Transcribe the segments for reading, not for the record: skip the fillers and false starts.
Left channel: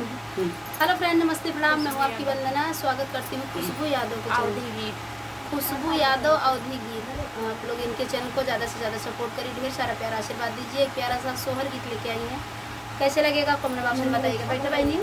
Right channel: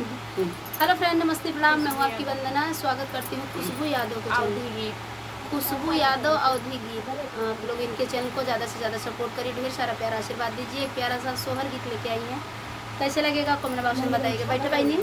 Hello friend, नमस्ते, प्रणाम। मैं हूँ आपकी वंदना। स्वागत करती हूँ खुशबू यादव के अवधि गीत। खुशबू यादव अवधि गीत। आप लोग इनके चैनल को ज़्यादा से ज़्यादा सपोर्ट करिए, ढेर सारा प्यारा आशीर्वाद दीजिए। एक प्यारा सा सोहर गीत लेके आई हैं, कैसे लगेगा कमेंट बॉक्स में बताइएगा। बैठे भाई नहीं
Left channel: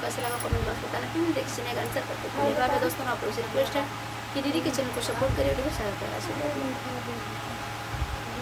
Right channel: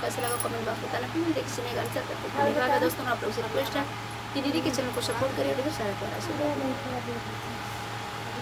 कैसे लगा कमेंट बॉक्स बताना। फिर देखिए नहीं आंसर करते धन्यवाद दोस्तों। आप लोग से रिक्वेस्ट है कि दीदी के चैनल को सपोर्ट करिए, ढेर सारा प्यारा से।